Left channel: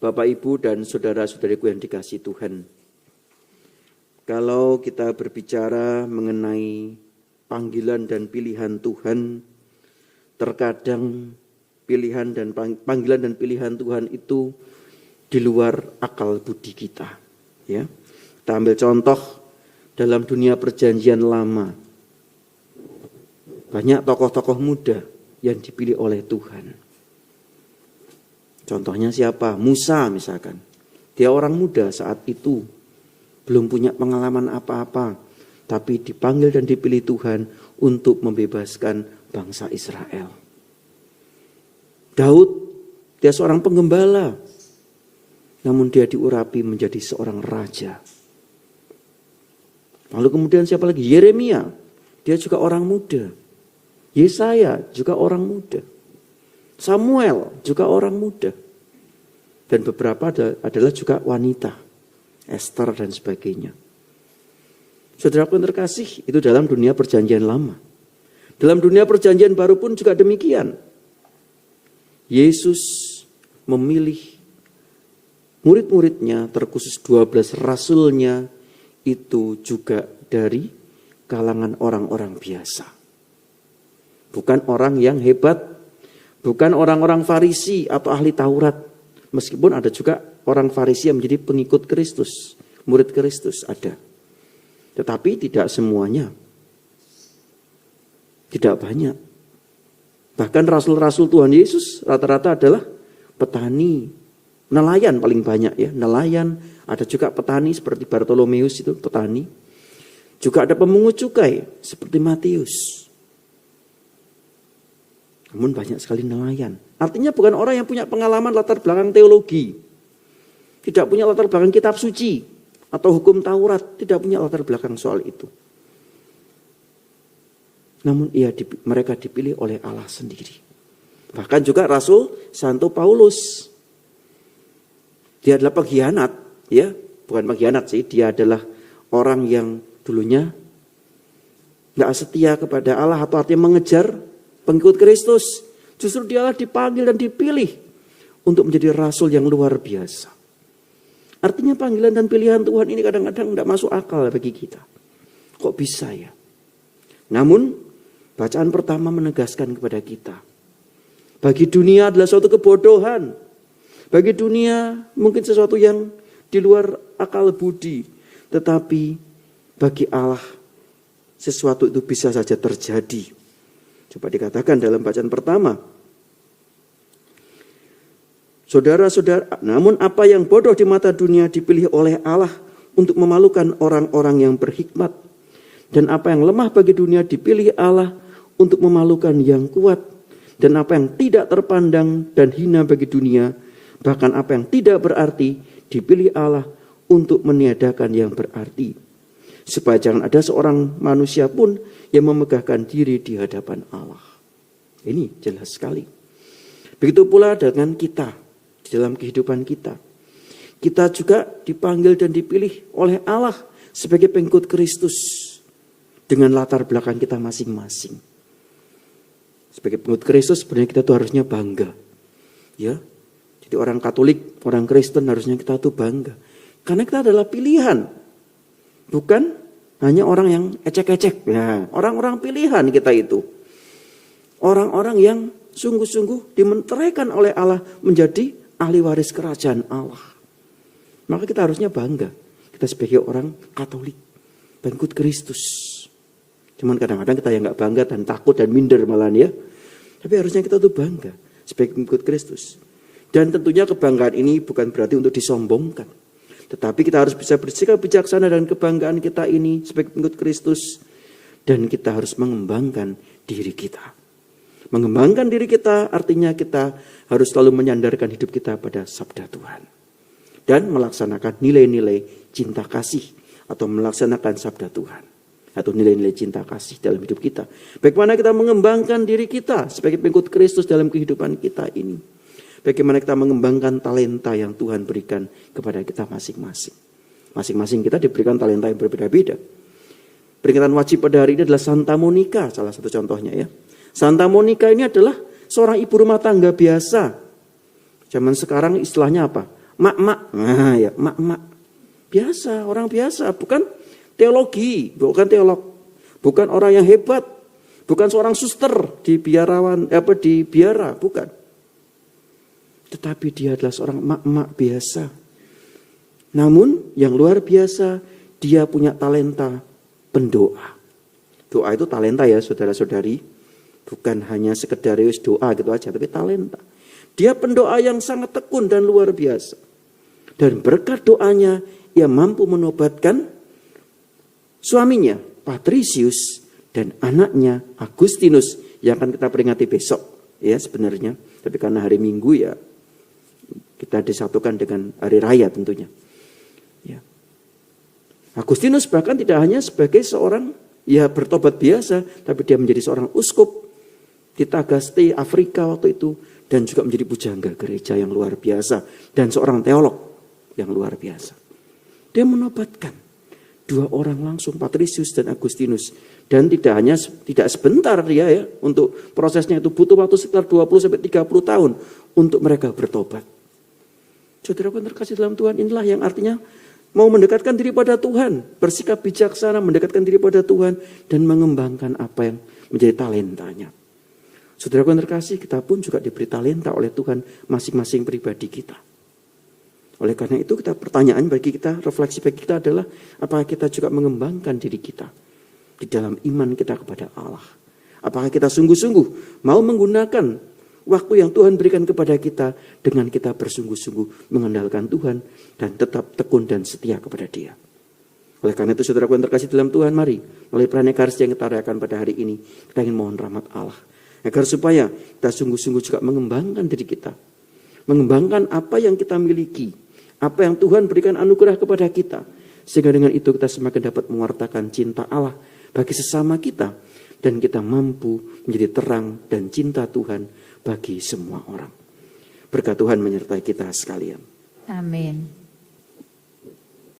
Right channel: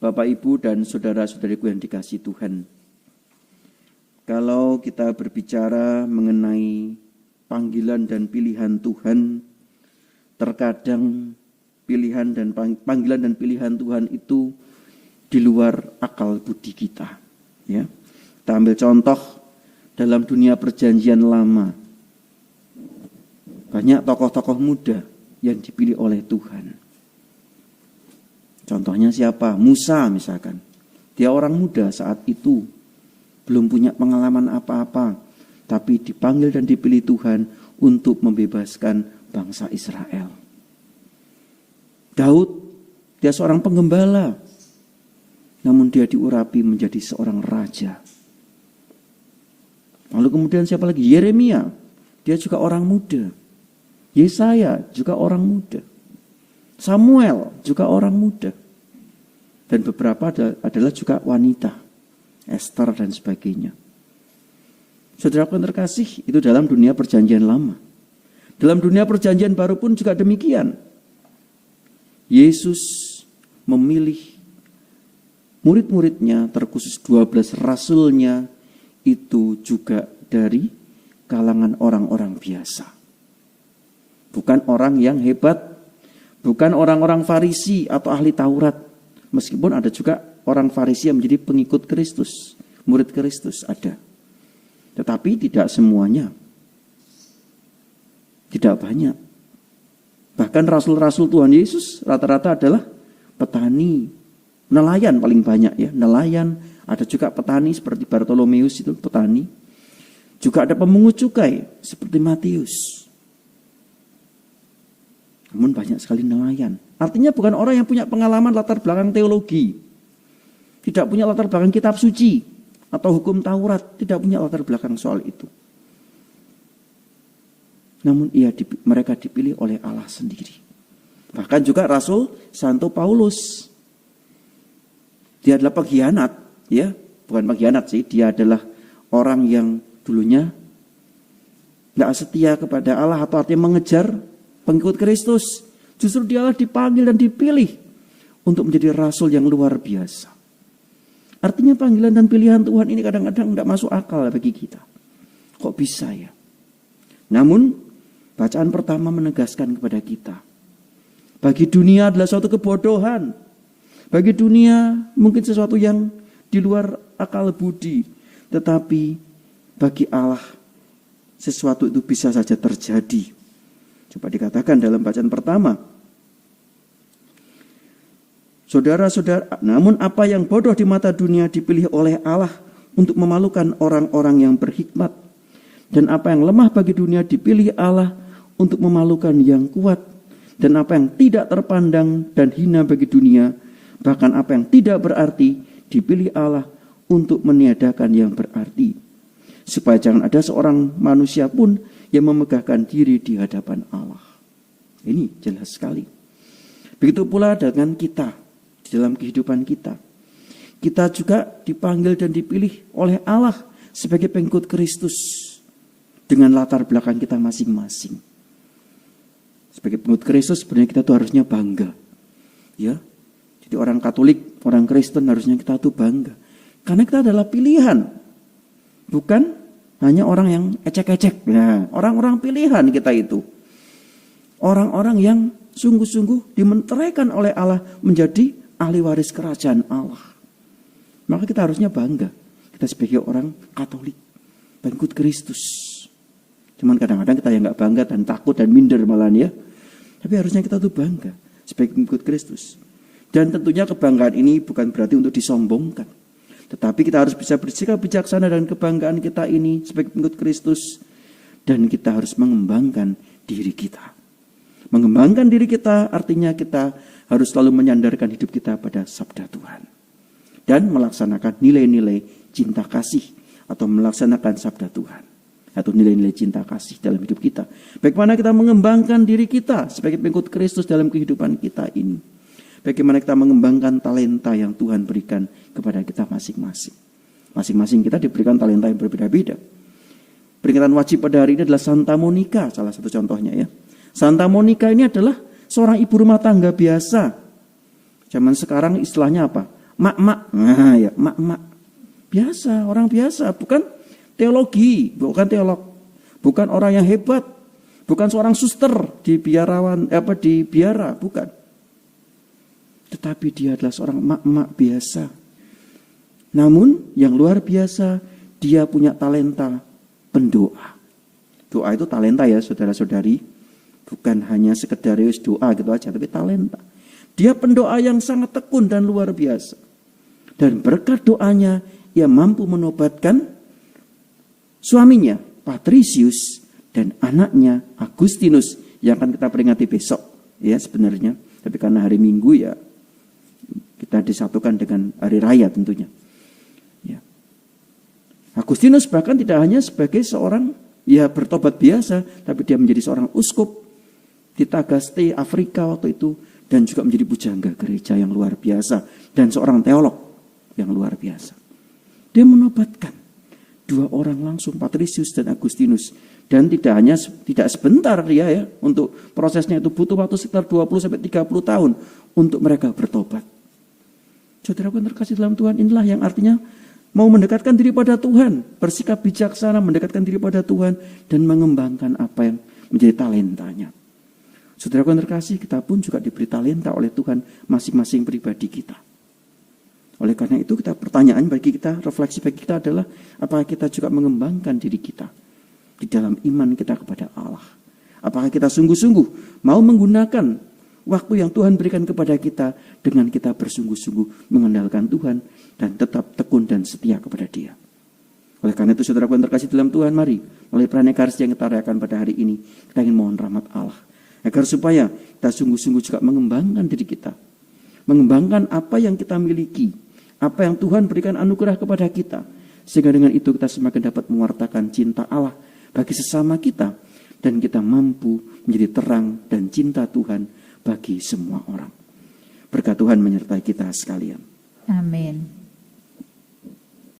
Bapak, Ibu, dan saudara-saudariku yang dikasihi Tuhan. Kalau kita berbicara mengenai panggilan dan pilihan Tuhan, terkadang panggilan dan pilihan Tuhan itu di luar akal budi kita. Ya, kita ambil contoh dalam dunia perjanjian lama. Banyak tokoh-tokoh muda yang dipilih oleh Tuhan. Contohnya siapa? Musa misalkan. Dia orang muda saat itu. Belum punya pengalaman apa-apa. Tapi dipanggil dan dipilih Tuhan untuk membebaskan bangsa Israel. Daud, dia seorang penggembala. Namun dia diurapi menjadi seorang raja. Lalu kemudian siapa lagi? Yeremia. Dia juga orang muda. Yesaya juga orang muda. Samuel juga orang muda. Dan beberapa adalah juga wanita. Esther dan sebagainya. Saudaraku yang terkasih, itu dalam dunia perjanjian lama. Dalam dunia perjanjian baru pun juga demikian. Yesus memilih murid-muridnya, terkhusus 12 rasulnya, itu juga dari kalangan orang-orang biasa. Bukan orang yang hebat, bukan orang-orang Farisi atau ahli Taurat. Meskipun ada juga orang Farisi yang menjadi pengikut Kristus, murid Kristus ada. Tetapi tidak semuanya. Tidak banyak. Bahkan rasul-rasul Tuhan Yesus rata-rata adalah petani, nelayan paling banyak ya. Nelayan, ada juga petani seperti Bartolomeus itu petani. Juga ada pemungut cukai seperti Matius. Namun banyak sekali nelayan. Artinya bukan orang yang punya pengalaman latar belakang teologi. Tidak punya latar belakang kitab suci atau hukum Taurat. Tidak punya latar belakang soal itu. Namun mereka dipilih oleh Allah sendiri. Bahkan juga Rasul Santo Paulus. Dia adalah pengkhianat. Ya, bukan pengkhianat sih. Dia adalah orang yang dulunya tidak setia kepada Allah atau artinya mengejar pengikut Kristus. Justru dialah dipanggil dan dipilih untuk menjadi rasul yang luar biasa. Artinya panggilan dan pilihan Tuhan ini kadang-kadang tidak masuk akal bagi kita. Kok bisa ya? Namun bacaan pertama menegaskan kepada kita. Bagi dunia adalah suatu kebodohan. Bagi dunia mungkin sesuatu yang di luar akal budi. Tetapi bagi Allah sesuatu itu bisa saja terjadi. Coba dikatakan dalam bacaan pertama. Saudara-saudara, namun apa yang bodoh di mata dunia dipilih oleh Allah untuk memalukan orang-orang yang berhikmat. Dan apa yang lemah bagi dunia dipilih Allah untuk memalukan yang kuat. Dan apa yang tidak terpandang dan hina bagi dunia, bahkan apa yang tidak berarti dipilih Allah untuk meniadakan yang berarti. Supaya jangan ada seorang manusia pun yang memegahkan diri di hadapan Allah. Ini jelas sekali. Begitu pula dengan kita, di dalam kehidupan kita. Kita juga dipanggil dan dipilih oleh Allah sebagai pengikut Kristus. Dengan latar belakang kita masing-masing. Sebagai pengikut Kristus sebenarnya kita tuh harusnya bangga. Ya. Jadi orang Katolik, orang Kristen harusnya kita tuh bangga. Karena kita adalah pilihan. Bukan hanya orang yang ecek-ecek. Nah, orang-orang pilihan kita itu. Orang-orang yang sungguh-sungguh dimenteraikan oleh Allah menjadi ahli waris kerajaan Allah. Maka kita harusnya bangga. Kita sebagai orang Katolik, pengikut Kristus. Cuman kadang-kadang kita yang gak bangga dan takut dan minder malahan ya. Tapi harusnya kita tuh bangga sebagai pengikut Kristus. Dan tentunya kebanggaan ini bukan berarti untuk disombongkan. Tetapi kita harus bisa bersikap bijaksana dan kebanggaan kita ini sebagai pengikut Kristus. Dan kita harus mengembangkan diri kita. Mengembangkan diri kita artinya kita harus selalu menyandarkan hidup kita pada sabda Tuhan. Dan melaksanakan nilai-nilai cinta kasih atau melaksanakan sabda Tuhan. Atau nilai-nilai cinta kasih dalam hidup kita. Bagaimana kita mengembangkan diri kita sebagai pengikut Kristus dalam kehidupan kita ini. Bagaimana kita mengembangkan talenta yang Tuhan berikan kepada kita masing-masing. Masing-masing kita diberikan talenta yang berbeda-beda. Peringatan wajib pada hari ini adalah Santa Monica, salah satu contohnya ya. Santa Monica ini adalah seorang ibu rumah tangga biasa. Zaman sekarang istilahnya apa? mak-mak. Nah ya, mak-mak. Biasa, orang biasa, bukan teologi, bukan teolog, bukan orang yang hebat, bukan seorang suster di biara, bukan. Tetapi dia adalah seorang mak-mak biasa. Namun yang luar biasa, dia punya talenta pendoa. Doa itu talenta ya saudara-saudari. Bukan hanya sekedar doa gitu aja, tapi talenta. Dia pendoa yang sangat tekun dan luar biasa. Dan berkat doanya, ia mampu menobatkan suaminya, Patricius, dan anaknya, Agustinus, yang akan kita peringati besok. Ya sebenarnya, tapi karena hari Minggu ya, kita disatukan dengan hari raya tentunya. Ya. Agustinus bahkan tidak hanya sebagai seorang bertobat biasa, tapi dia menjadi seorang uskup di Tagaste, Afrika waktu itu, dan juga menjadi pujangga gereja yang luar biasa, dan seorang teolog yang luar biasa. Dia menobatkan 2 orang langsung, Patricius dan Agustinus, dan tidak sebentar dia ya, untuk prosesnya itu butuh waktu sekitar 20-30 tahun untuk mereka bertobat. Saudara pun terkasih dalam Tuhan, inilah yang artinya mau mendekatkan diri pada Tuhan, bersikap bijaksana, mendekatkan diri pada Tuhan, dan mengembangkan apa yang menjadi talentanya. Saudara pun terkasih, kita pun juga diberi talenta oleh Tuhan masing-masing pribadi kita. Oleh karena itu pertanyaan bagi kita, refleksi bagi kita adalah, apakah kita juga mengembangkan diri kita di dalam iman kita kepada Allah? Apakah kita sungguh-sungguh mau menggunakan waktu yang Tuhan berikan kepada kita dengan kita bersungguh-sungguh mengandalkan Tuhan dan tetap tekun dan setia kepada Dia. Oleh karena itu saudara yang terkasih dalam Tuhan, mari melalui pranekarsi yang kita rayakan pada hari ini, kita ingin mohon rahmat Allah. Agar supaya kita sungguh-sungguh juga mengembangkan diri kita. Mengembangkan apa yang kita miliki. Apa yang Tuhan berikan anugerah kepada kita. Sehingga dengan itu kita semakin dapat mewartakan cinta Allah bagi sesama kita. Dan kita mampu menjadi terang dan cinta Tuhan bagi semua orang. Berkat Tuhan menyertai kita sekalian. Amin.